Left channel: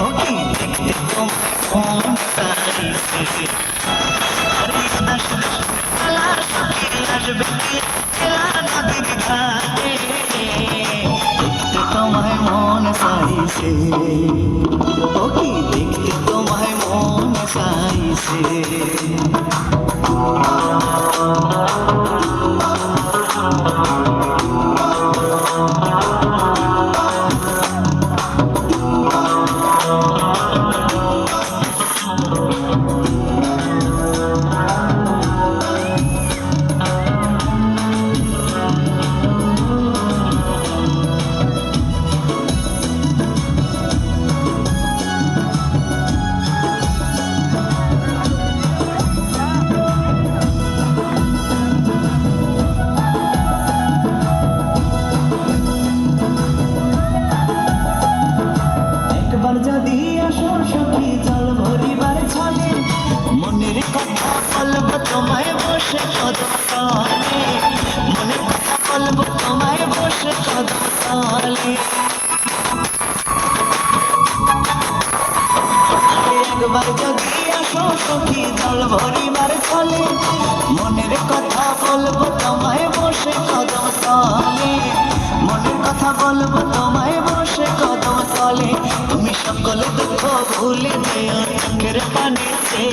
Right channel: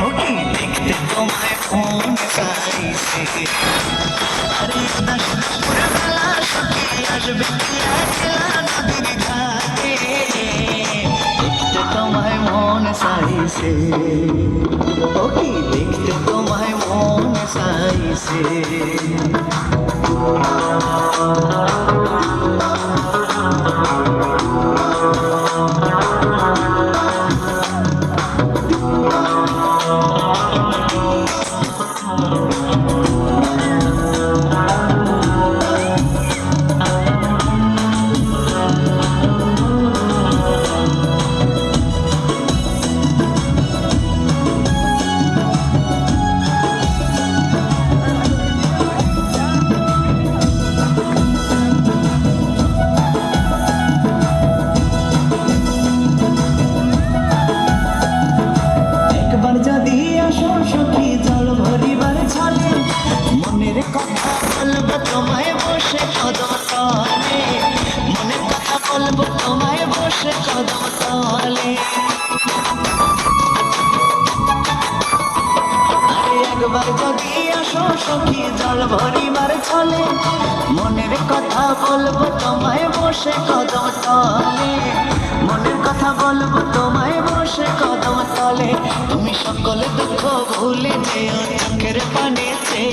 ওকে দেখতে তোমায় মন চাইছে আসবে নদীর ঘাটে দেখতে তোমায় মন চাইছে ওকে দেখতে তোমায় মন চাইছে তোমায় বসে কদলে মনে কথা বলবো তোমায় বসে কদলে একবার যদি আসো সখী জল ভরিবার চলে মনের কথা বলবো তোমায় বসে কদলে মনের কথা বলবো তোমায় বসে কদলে তুমি সকল দুঃখ ভুলে যেও চোখের পানিতে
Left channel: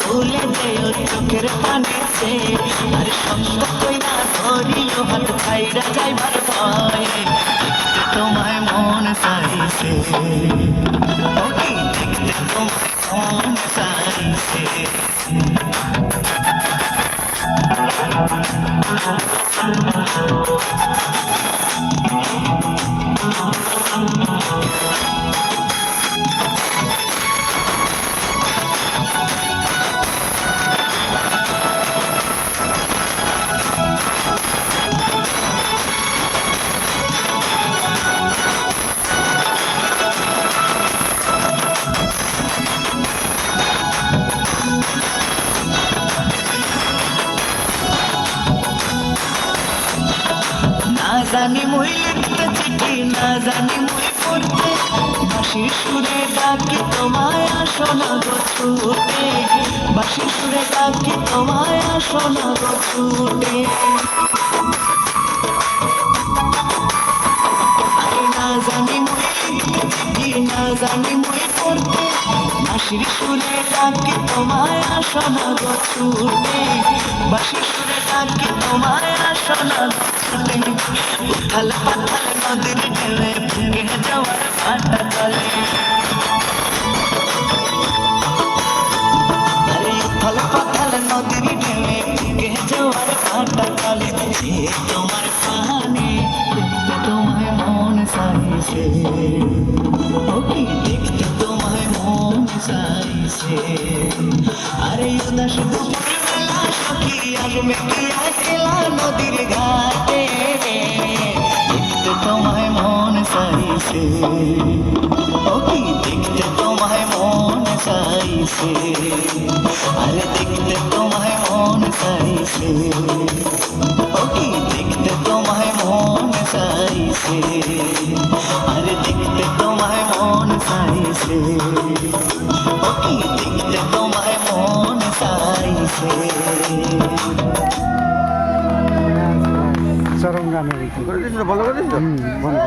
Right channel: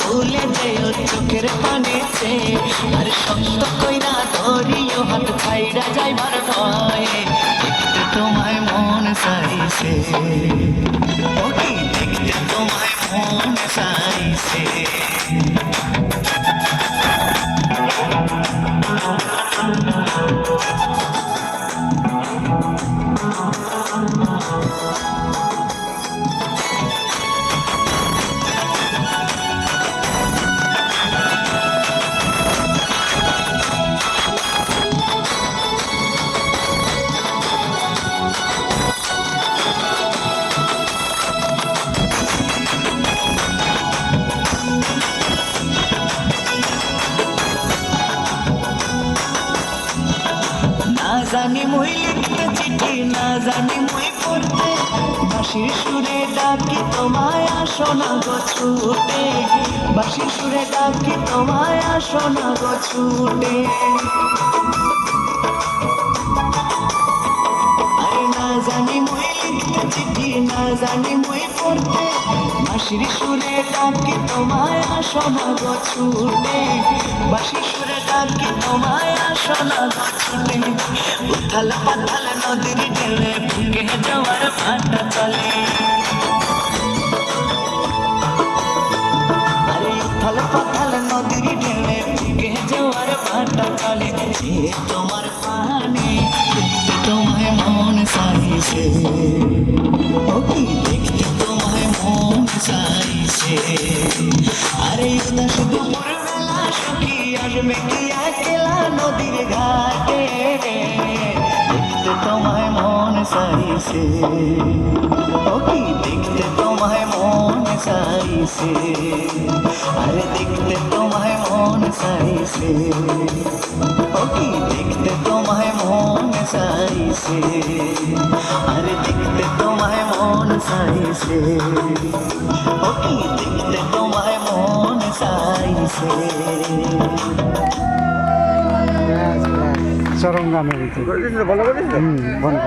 ভুলে যেও চোখের পানিতে আর সত্য কইরা ধরিও হাত খাইরা যাইবার ভয়ে দেখতে তোমায় মন চাইছে ওকে দেখতে তোমায় মন চাইছে জানি মই লিখতে চিঠি না জানি মই পড়তে বাঁশির সুরে ডাকি তোমায় আসো না গো ছুটে বাঁশির সুরে ডাকি তোমায় আসো না গো ছুটে আরে না জানি মই লিখতে চিঠি না জানি মই পড়তে বাঁশির সুরে ডাকি তোমায় আসো না গো ছুটে বাঁশির সুরে ডাকি তোমায় আসো না গো উথাল পাথাল নদীর ঢেলে ভেঙে যাওয়ার ভাটা চলে উথাল পাথাল নদীর ঢেলে ভেঙে যাওয়ার ভাটা চলে তোমার পানে তোমায় মন চাইছে ওকে দেখতে তোমায় মন চাইছে আরে উদাস দুপুরবেলা সখী আসবে কি একলা নদীর ঘাটে দেখতে তোমায় মন চাইছে ওকে দেখতে তোমায় মন চাইছে আরে দেখতে তোমায় মন চাইছে ওকে দেখতে তোমায় মন চাইছে আরে দেখতে তোমায় মন চাইছে ওকে দেখতে তোমায় মন চাইছে চরম গান হয়েছে।